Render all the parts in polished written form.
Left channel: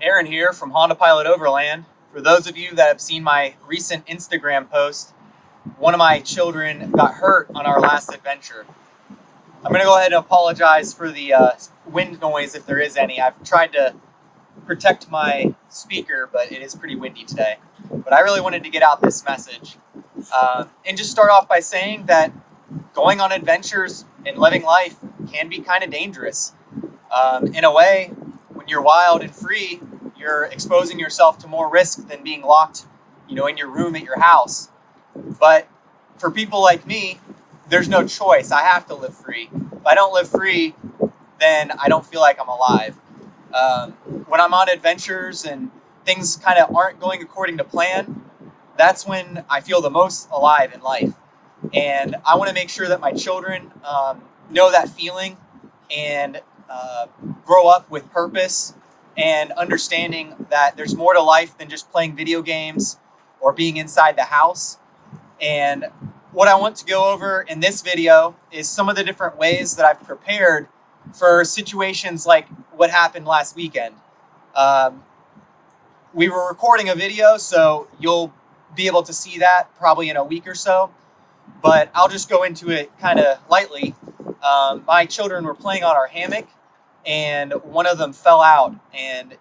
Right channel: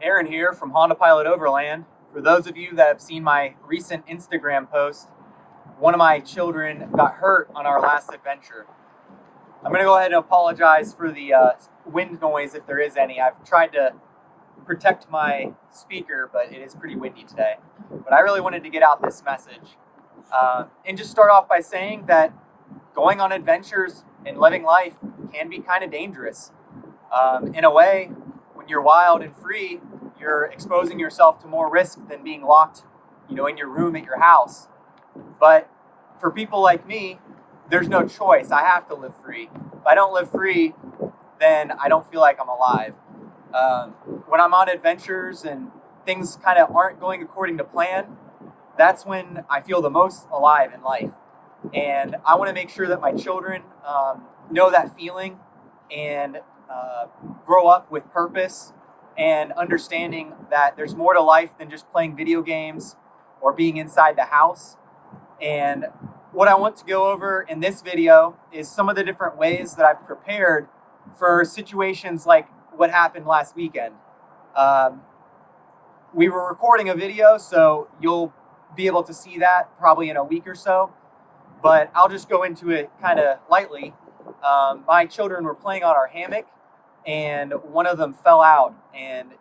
Aaron here from Honda Pilot Overland. For those of you that have seen my recent Instagram post, one of my children got hurt on our last adventure. I'm going to go ahead and apologize for the wind noise if there is any. I've tried to protect my speaker, but it is pretty windy today. But I really wanted to get out this message. And just start off by saying that going on adventures and living life can be kind of dangerous. In a way, when you're wild and free, you're exposing yourself to more risk than being locked, in your room at your house. But for people like me, there's no choice. I have to live free. If I don't live free, then I don't feel like I'm alive. When I'm on adventures and things kind of aren't going according to plan, that's when I feel the most alive in life. And I want to make sure that my children know that feeling and grow up with purpose and understanding that there's more to life than just playing video games or being inside the house. And what I want to go over in this video is some of the different ways that I've prepared for situations like what happened last weekend. We were recording a video, so you'll be able to see that probably in a week or so, but I'll just go into it kind of lightly. My children were playing on our hammock, and one of them fell out, and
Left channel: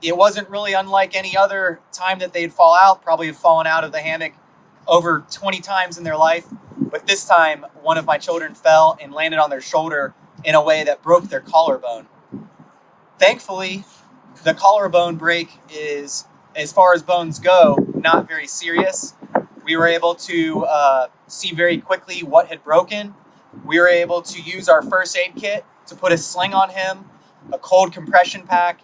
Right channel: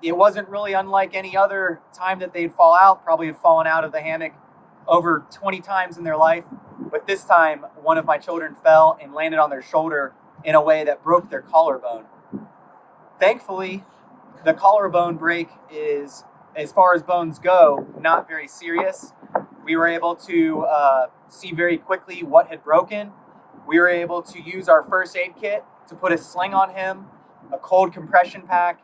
it wasn't really unlike any other time that they'd fall out. Probably have fallen out of the hammock over 20 times in their life, but this time one of my children fell and landed on their shoulder in a way that broke their collarbone. Thankfully, the collarbone break is, as far as bones go, not very serious. We were able to see very quickly what had broken. We were able to use our first aid kit to put a sling on him, a cold compression pack,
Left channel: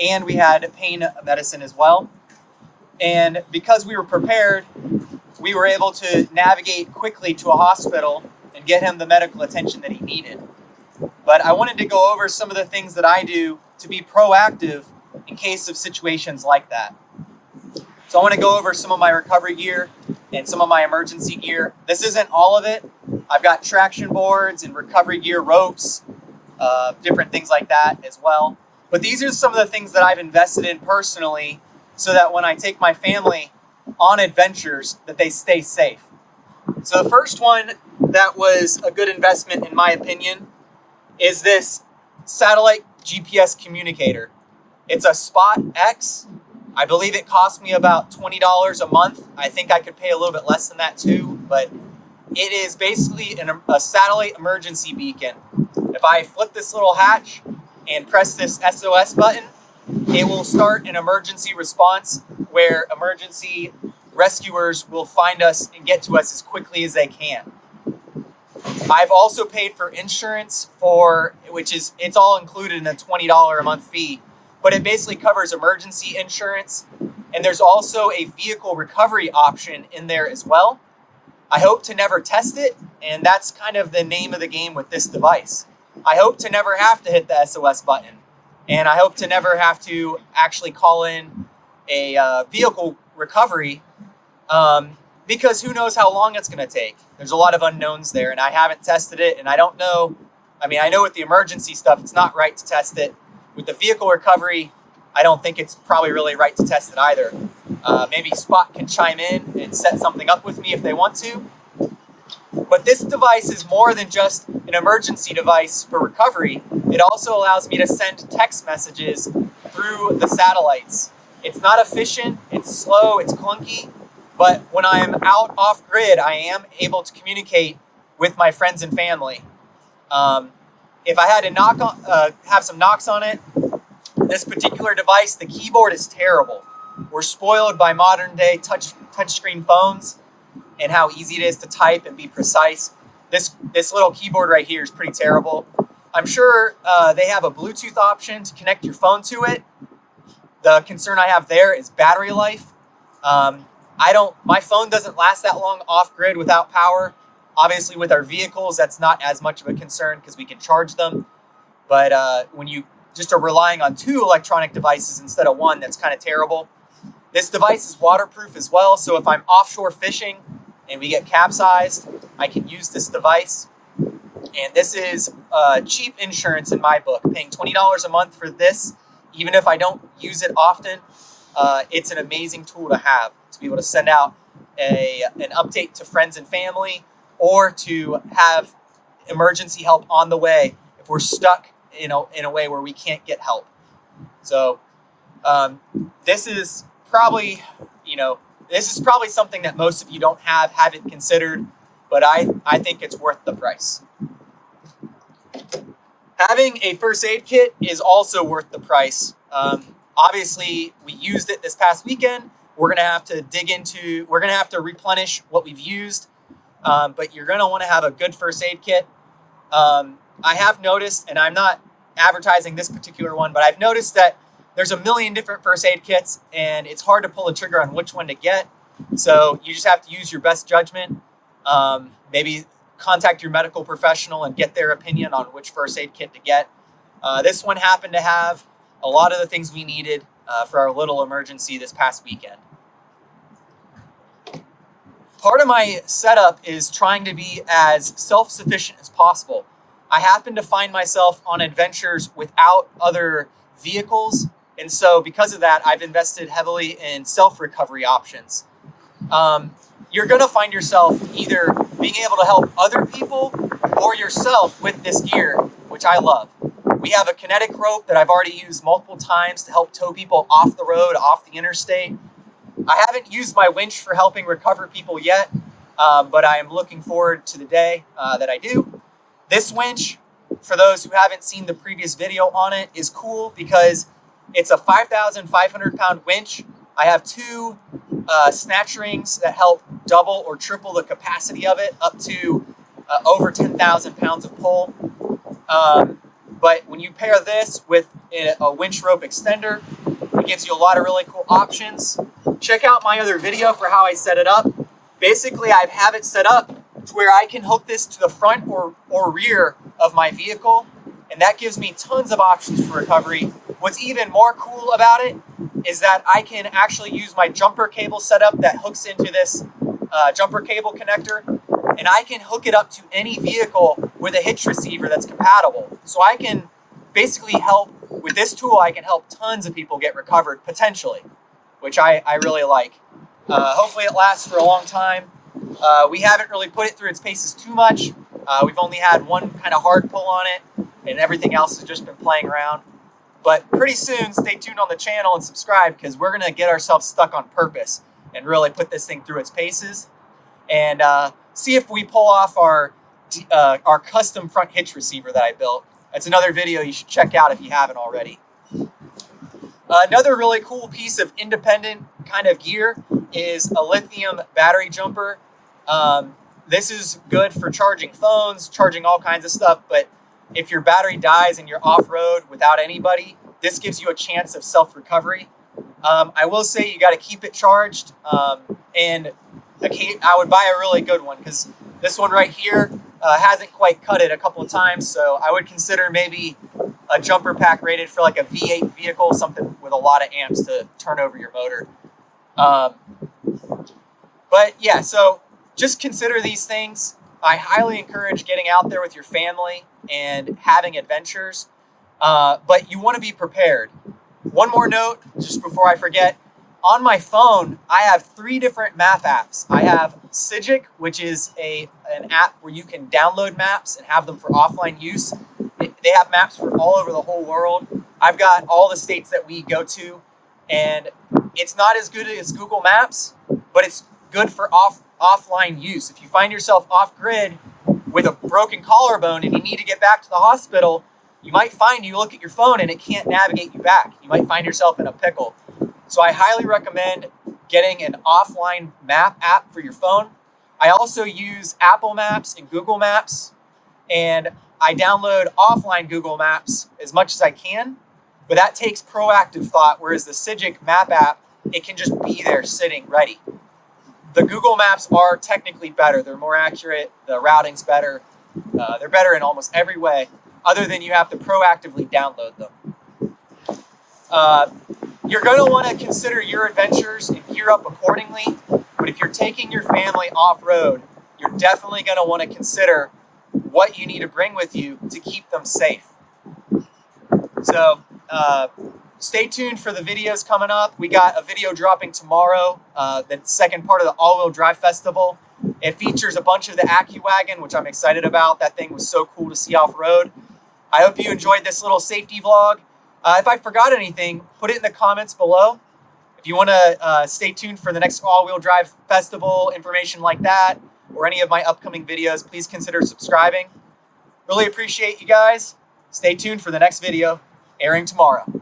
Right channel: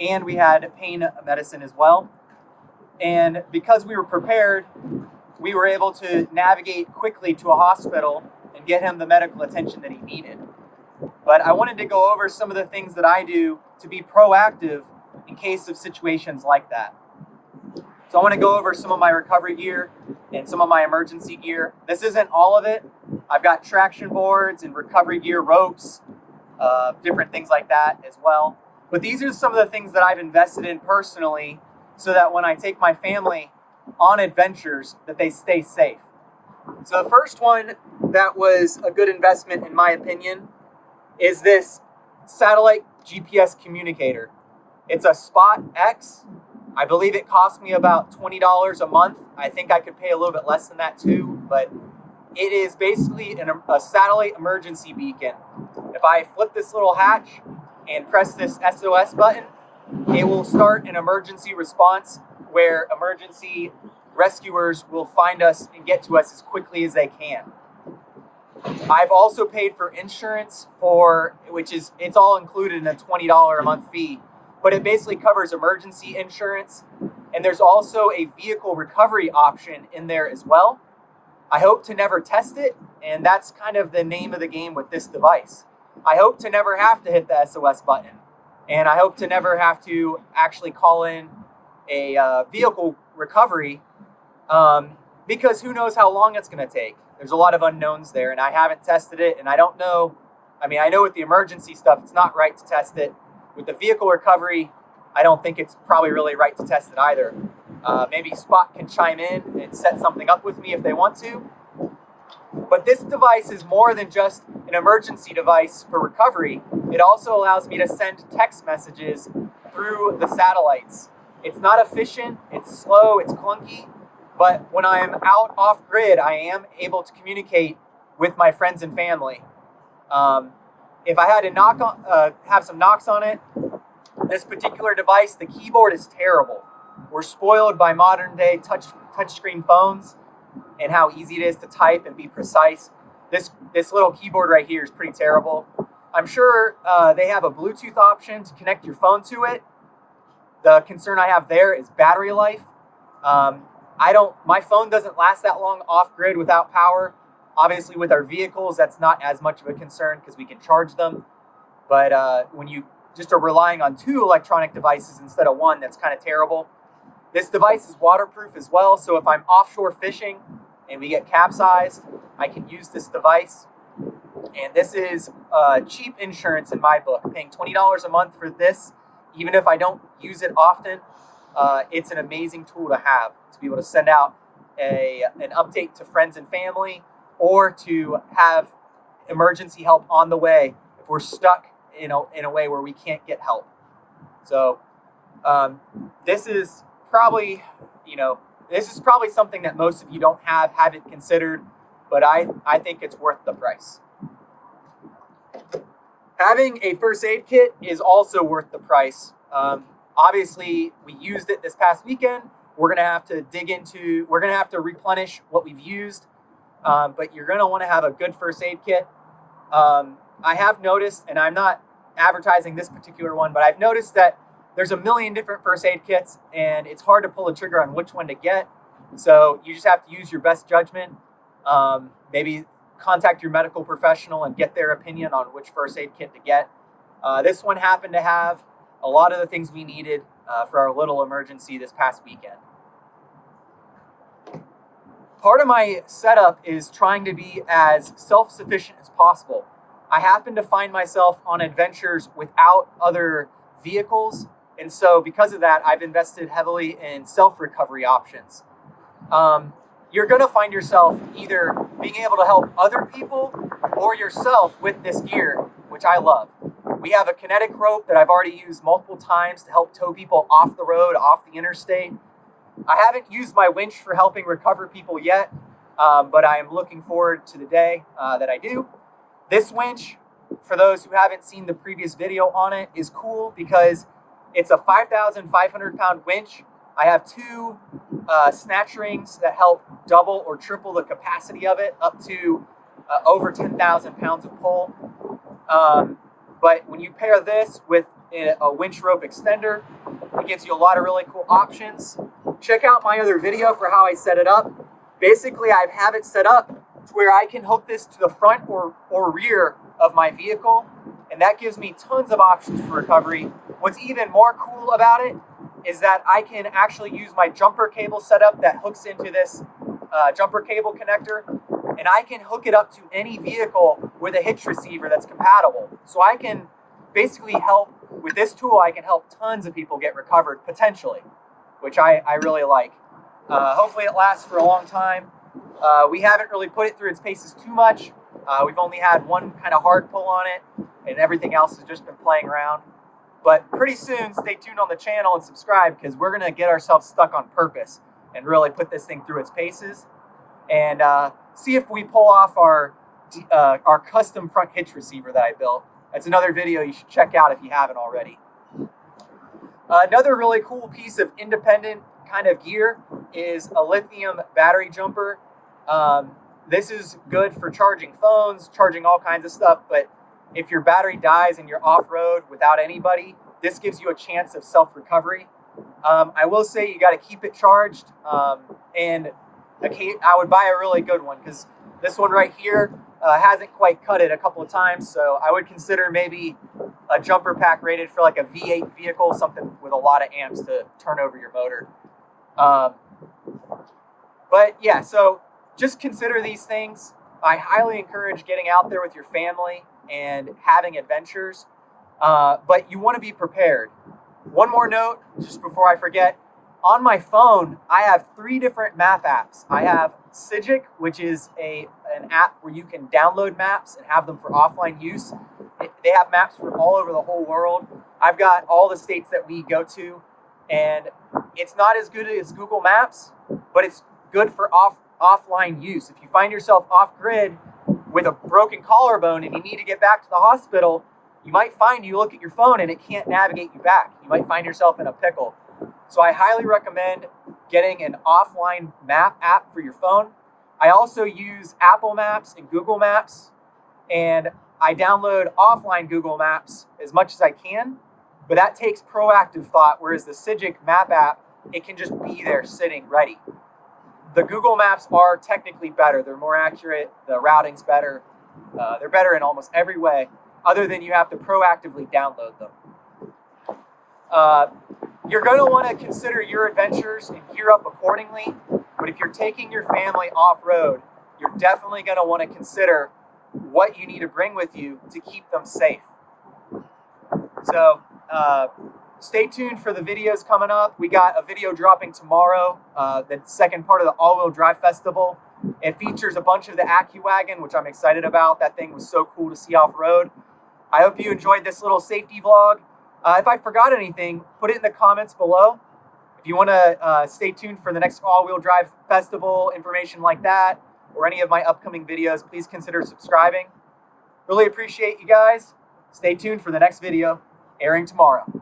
and we had pain medicine as well. And because we were prepared, we were able to navigate quickly to a hospital and get him the medical attention that he needed. But I wanted to go over some of the things that I do to be proactive in case of situations like that. So I want to go over some of my recovery gear and some of my emergency gear. This isn't all of it. I've got traction boards and recovery gear ropes, different things like that as well. But these are some of the things that I've invested in personally so that when I take my family on adventures, that they stay safe. So the first one that was a good investment, in my opinion, is this satellite GPS communicator. It's a Spot X. I believe it cost me about $20 a month. I think I could pay a little bit less than that too, but it is basically a satellite emergency beacon. If I flip this little hatch and press this SOS button, it will start an emergency response where emergency rescuers will find us and get to us as quickly as they can. I've also paid for insurance it's all included in a $20 a month fee, but it basically covers emergency insurance. And there's also a vehicle recovery option in there as well. I hope to never test it, and that's kind of the name of the game with this device. I hope to never have to hit the SOS button, and I hope to never have to actually call in a vehicle recovery because who knows how long it's going to take. There's a lot of unknowns there, and I haven't tested it, and I don't know. I mean, I know with the emergency stuff, it's not right to test it. With the vehicle recovery, I don't think it's probably really right to test it either. Maybe Spot can chime in and set something up with me if they want to. But this device is more than just an emergency device for recovery. It also allows me to send text messages through the satellites. It's not efficient, it's slow, it's clunky, but when I'm out off grid, I am able to communicate with my friends and family. If I had to have some knocks on it, this particular device, the keyboard is terrible. We're spoiled by modern day touchscreen phones and how easy it is to type and be precise. This little keyboard right here is pretty terrible. I'm sure they have a Bluetooth option to connect your phone to it. The concern I have there is battery life. My phone doesn't last that long off grid without power. Obviously with our vehicles, that's not as much of a concern because we can charge them. But when you just are relying on two electronic devices instead of one, that's kind of terrible. This device is waterproof as well, so if I'm offshore fishing and we get capsized, I can use this device. And this is cheap insurance in my book, paying $20 a month for this even if I don't use it often, it's an amazing tool to have, to be able to send out an update to friends and family, or to have emergency help on the way if we're stuck in a way where we can't get help. So this is probably something that most of you haven't considered, but I think it's worth the price. Having a first aid kit is also worth the price. Obviously, we used it this past weekend. We're going to have to replenish what we've used, but you're going to want to have a good first aid kit. I have noticed, and I'm not advertising this particular one, but I've noticed that there's a million different first aid kits, and it's hard to pull a trigger on which one to get. So you just have to use your best judgment. Maybe contact your medical professional and get their opinion on which first aid kit to get. This one happened to have a lot of the things we needed for our little emergency this past weekend. Part of my setup is trying to be as self-sufficient as possible. I happen to find myself on adventures without other vehicles, and so because of that, I've invested heavily in self-recovery options. You're going to find yourself either being able to help other people or yourself with this gear, which I love. We have a kinetic rope that I've already used multiple times to help tow people off the road, off the interstate. I haven't used my winch for helping recover people yet, but I am looking forward to the day that I do. This winch, for those who haven't seen the previous video on it, is cool because it's a 5,500 pound winch. I have two snatch rings that help double or triple the capacity of it, up to over 10,000 pounds of pull. But when you pair this with a winch rope extender, it gives you a lot of really cool options. Check out my other video for how I set it up. Basically, I have it set up to where I can hook this to the front or rear of my vehicle, and that gives me tons of options for recovery. What's even more cool about it is that I can actually use my jumper cable setup that hooks into this jumper cable connector, and I can hook it up to any vehicle with a hitch receiver that's compatible. So I can basically help, with this tool, I can help tons of people get recovered, potentially, which I really like. Hopefully it lasts for a long time. We haven't really put it through its paces too much. We've only had one kind of hard pull on it, and everything else has just been playing around. But pretty soon, stay tuned on the channel and subscribe, because we're going to get ourselves stuck on purpose and really put this thing through its paces and see if we pull off our custom front hitch receiver that I built. That's another video you should check out if you haven't already. Another really cool piece of independent kind of gear is a lithium battery jumper. This is good for charging phones, charging all kinds of stuff, but if your battery dies and you're off-road without anybody, this gives you a chance of self-recovery. I will say you got to keep it charged, and I would buy a really good one, because this one right here hasn't quite cut it a couple of times, so I would consider maybe a jumper pack rated for like a V8 vehicle, something with a lot of amps to turn over your motor. But yeah, so just consider these things. I highly encourage getting out there with your family and having adventures, but you want to be prepared. One more note, just before I forget. On my phone, I have 3 different map apps. I have Sigic, which is an app where you can download maps and have them for offline use. They have maps for all over the whole world. I've got all the states that we go to, and it's not as good as Google Maps, but it's good for offline use. If you find yourself off-grid with a broken collarbone and you need to get back to the hospital, you might find you look at your phone and it can't navigate you back. You might find yourself in a pickle. So I highly recommend getting an offline map app for your phone. I also use Apple Maps and Google Maps, and I download offline Google Maps as much as I can, but that takes proactive thought, whereas the Sigic map app, it can just be there sitting ready. The Google Maps are technically better. They're more accurate. The routing's better. They're better in almost every way, other than you have to proactively download them. You're going to want to consider your adventures and gear up accordingly, but if you're taking your family off-road, you're definitely going to want to consider what you need to bring with you to keep them safe. So stay tuned for the videos coming up. We got a video dropping tomorrow, the second part of the all-wheel drive festival. It features a bunch of the AccuWagon, which I'm excited about. That thing was so cool to see off-road. I hope you enjoyed this little safety vlog. If I forgot anything, put it in the comments below. If you want to stay tuned for the next all-wheel drive festival, information like that, or any of my upcoming videos, please consider subscribing. Really appreciate you guys. Stay tuned for the next video, airing tomorrow.